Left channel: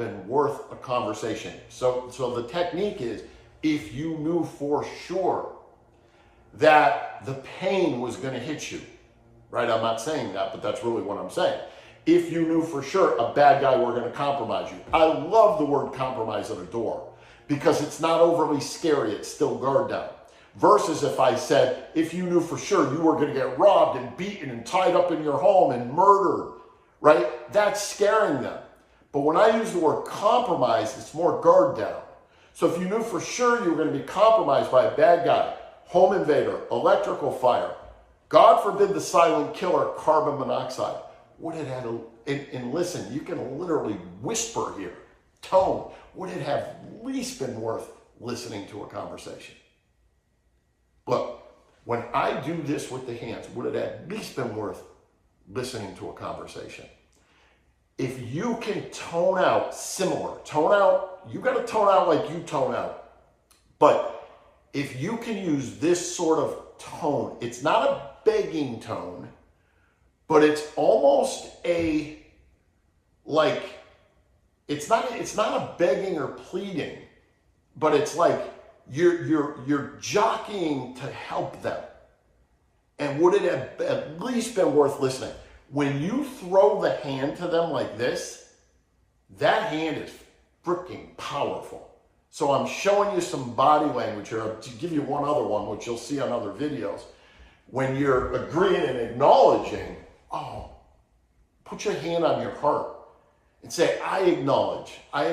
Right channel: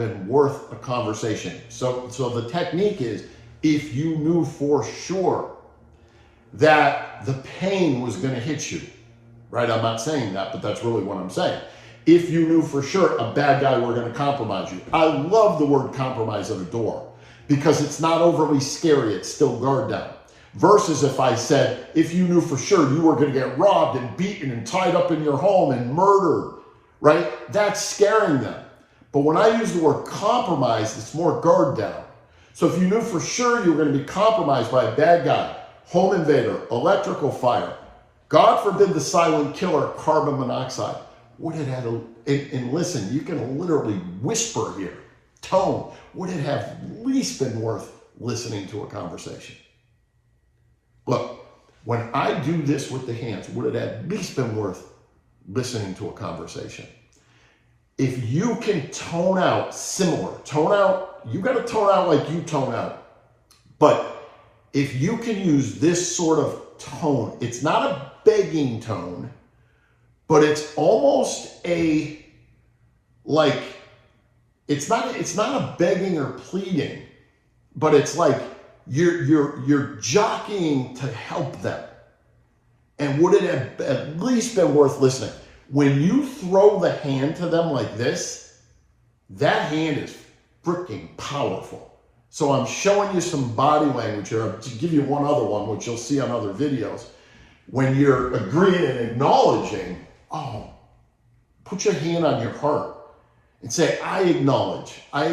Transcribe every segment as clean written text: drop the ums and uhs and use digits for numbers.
been worth a conversation. So the technique is, if you knew for sure that the pain was going to hit you, right? I'm not saying that, but that's really what I'm saying. If you knew for sure a bad guy were going to compromise you. I love the word compromise at a door because it's not overly scary. It's still guard down. Versus if I said, if you knew for sure you were going to get robbed and beaten and tied up in your home and murdered, right? That's scaring them. But when I use the word compromise, it's more guard down. So if you knew for sure you were going to be compromised by a bad guy, home invader, electrical fire, God forbid the silent killer, carbon monoxide, would it have, and listen, you can literally whisper here, tone, would it have at least been worth listening to a conversation? Look, when I do this with the hands, would it at least been worth listening to a conversation? If you can tone out similar, you got to tone out like you tone out. But if you can use this sort of tone, it's not a begging tone, but it's almost a, like, it's not a begging or pleading, but it's like you're jockeying to help them. And would it have at least been worth listening? When you throw the hand to them like this, that hand is freaking powerful. So I'm showing you some body language here. To give you one other one, which you'll see on other videos. When you're agreeing and acknowledging, put your hand on your heart and say, I acknowledge I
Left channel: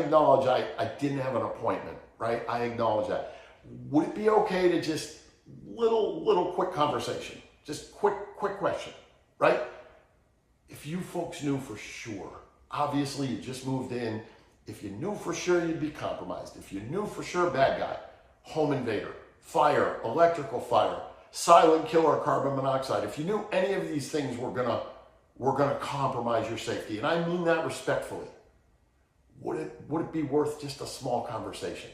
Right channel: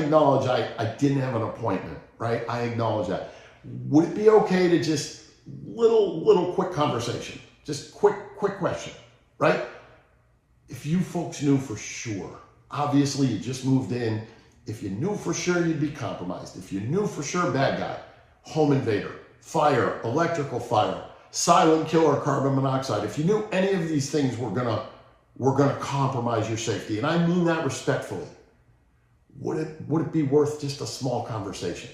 didn't have an appointment, right? I acknowledge that. Would it be okay to just little quick conversation? Just quick question, right? If you folks knew for sure, obviously you just moved in, if you knew for sure you'd be compromised, if you knew for sure bad guy, home invader, fire, electrical fire, silent killer, carbon monoxide, if you knew any of these things were gonna compromise your safety, and I mean that respectfully, would it be worth just a small conversation,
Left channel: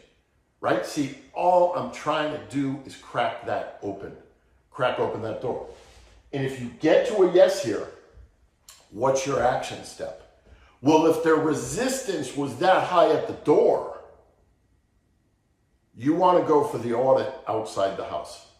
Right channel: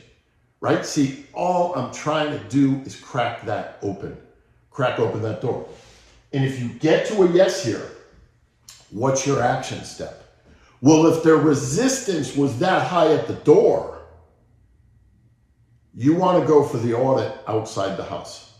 right? See, all I'm trying to do is crack open that door. And if you get to a yes here, what's your action step? Well, if their resistance was that high at the door, you want to go for the audit outside the house.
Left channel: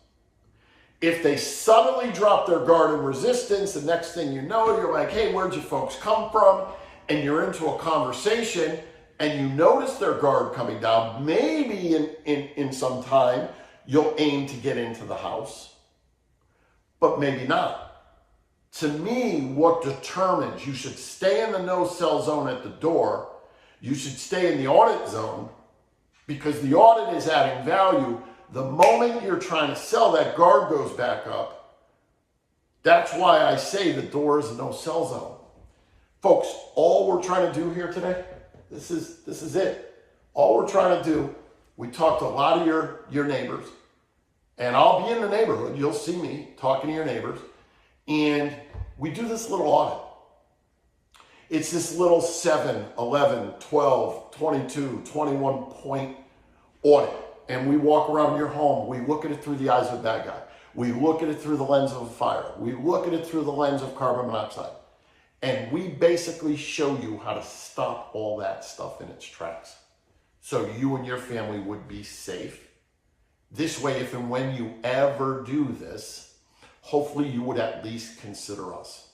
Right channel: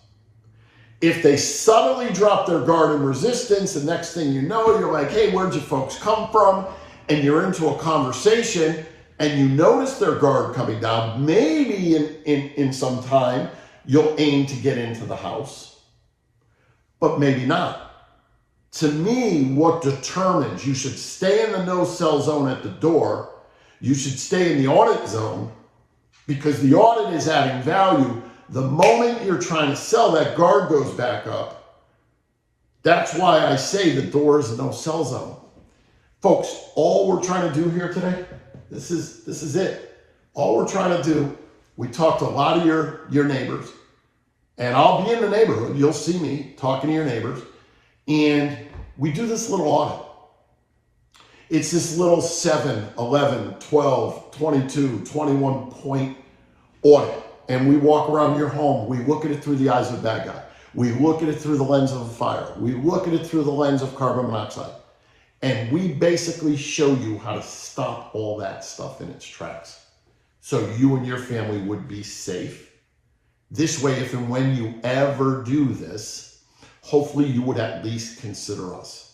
If they suddenly drop their guard and resistance, the next thing you know, you're like, hey, where'd you folks come from? And you're into a conversation and you notice their guard coming down. Maybe in some time, you'll aim to get into the house, but maybe not. To me, what determines you should stay in the no-sell zone at the door, you should stay in the audit zone, because the audit is adding value. The moment you're trying to sell, that guard goes back up. That's why I say the door is a no-sell zone. Folks, all we're trying to do here today, this is it. All we're trying to do, we talked to a lot of your neighbors, and I'll be in the neighborhood. You'll see me talking to your neighbors. And we do this little audit. It's this little 7, 11, 12, 22, 21 point audit. And we walk around your home. We look at it through the eyes of a bad guy. We look at it through the lens of a fire. We look at it through the lens of carbon monoxide. And we basically show you how to stop all that stuff in its tracks, so you and your family would be safe. This way, if and when you ever do this, hopefully you would at least consider us.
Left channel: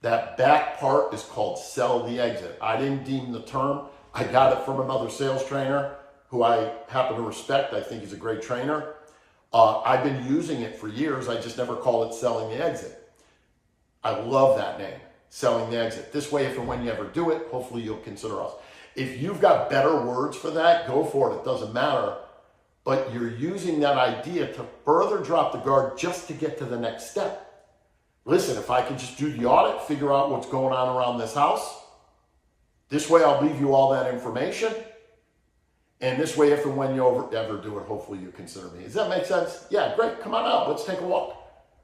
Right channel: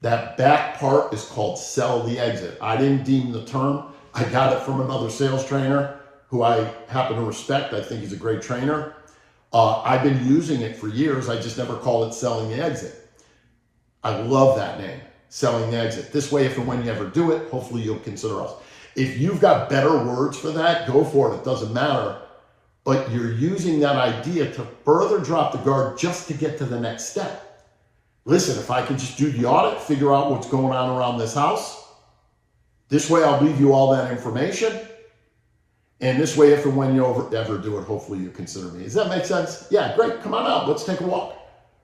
That back part is called sell the exit. I didn't deem the term. I got it from another sales trainer who I happen to respect. I think he's a great trainer. I've been using it for years. I just never called it selling the exit. I love that name, selling the exit. This way, if and when you ever do it, hopefully you'll consider us. If you've got better words for that, go for it. It doesn't matter. But you're using that idea to further drop the guard just to get to the next step. Listen, if I could just do the audit, figure out what's going on around this house, this way I'll leave you all that information. And this way, if and when you ever do it, hopefully you consider me. Does that make sense? Yeah, great. Come on out. Let's take a walk.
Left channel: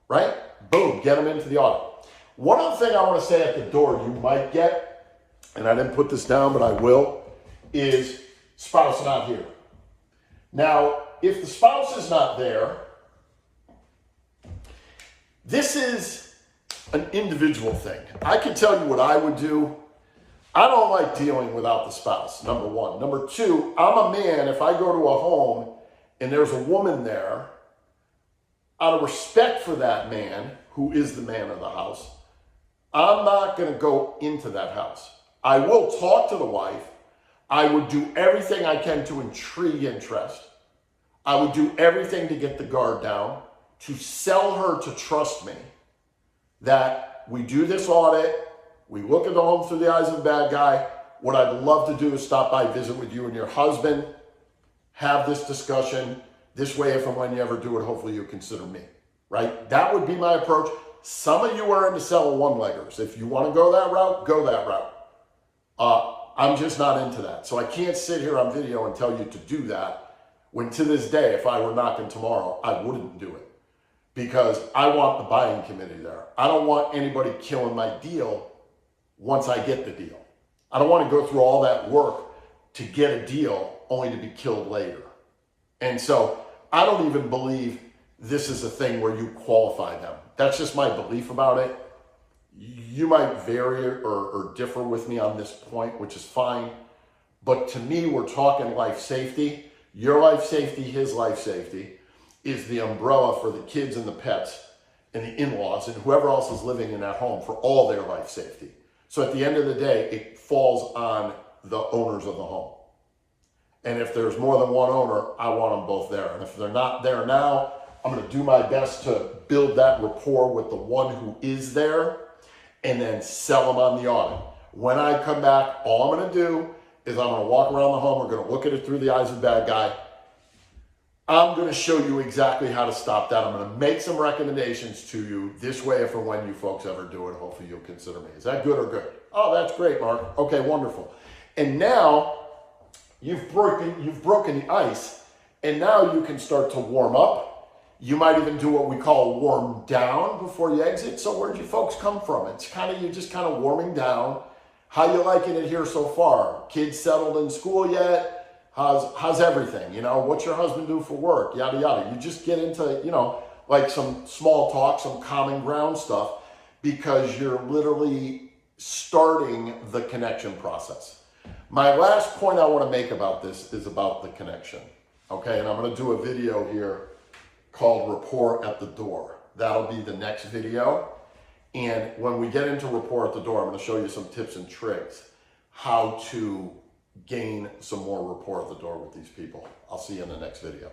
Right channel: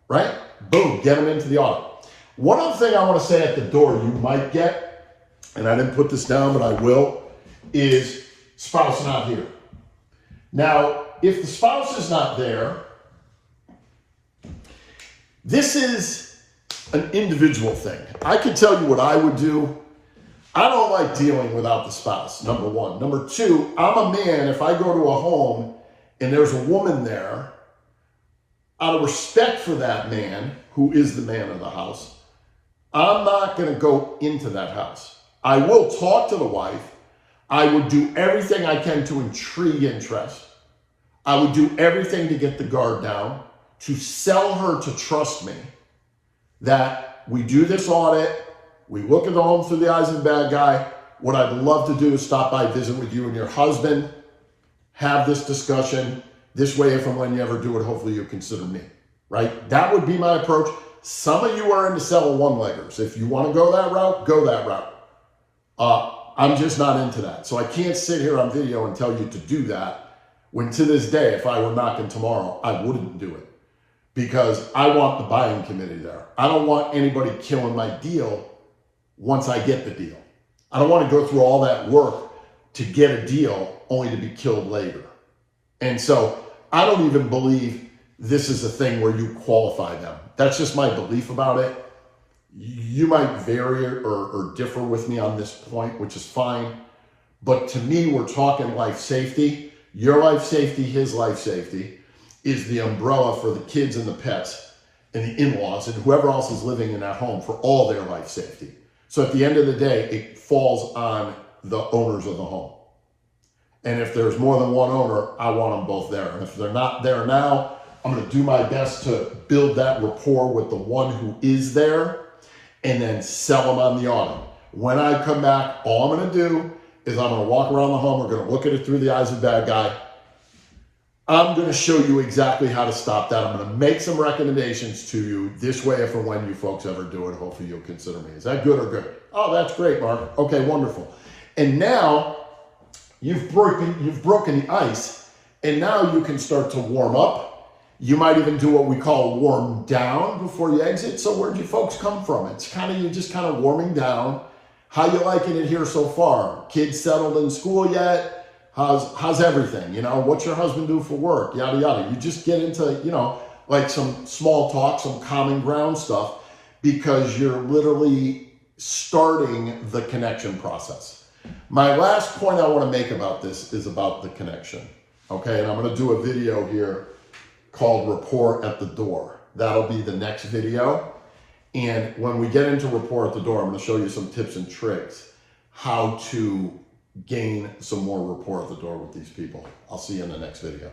Right? Boom. Get them into the audit. One other thing I want to say at the door you might get, and I didn't put this down, but I will, is spouse not here. Now, if the spouse is not there, this is an individual thing. I can tell you what I would do. I don't like dealing without the spouse, number one. Number two, I'm a man. If I go to a home and there's a woman there, out of respect for that man, who is the man of the house, I'm not going to go into that house. I will talk to the wife. I would do everything I can to intrigue interest. I would do everything to get the guard down, to sell her to trust me, that we do this audit, we look at the home through the eyes of the bad guy. What I'd love to do is stop by, visit with you and your husband, have this discussion. This way, if and when you ever do it, hopefully you'll consider me, right? That would be my approach. Some of you are into selling one-leggers. If you want to go that route, go that route. I'm just not into that. So I can't sit here on video and tell you to do that, when to this day, if I were knocking tomorrow, I wouldn't do it. Because I want the buying committee there. I don't want anybody killing my deal once I get the deal. I don't want to go through all that work to get a deal only to be killed later. And so I don't even believe this is a thing where you qualify them. That's just my belief about it. You might vary or differ with me on this point, which is fine. But to me, we're talking life safety. Your life safety, his life safety is the umbrella for the kids and the pets and the in-laws and whoever else is living in that home for all their life safety. So at the end of the day, it falls on the owners of the home. And if there's more than one owner, I want them both there. And if they're not there now, I'm going to do my best to build that rapport with the one who is there and then sell them on the audit. When I come back, all I'm going to do is I'm going to walk around the home. We're going to look at it through the eyes of the bad guy. I'm going to show you exactly how to stop that. I'm going to make some recommendations to you. This way, if and when you folks ever do it, hopefully you'll consider me. Is that good or good? Oh, that's great, Mark. Okay, wonderful. And now you've broken the ice, and now you can start to warm up. You might even do what we call warm down before you exit. So where'd you folks come from? It's kind of, you're just kind of warming down. How you liking it here so far? Kids settled in school yet? How's everything? You know, what's your husband do for work? Yada, yada. You just get into, you know, like some small talk, some common ground stuff, because you're literally starting the connection process. My last point I want to make about this is about the connection. Okay. And I'm going to do a video here called Rapport at the Door. That'll be the next video. And when we get into Rapport at the Door, I'm going to show you some tips and tricks how to gain some more rapport at the door with these people. I'll see you in the next video.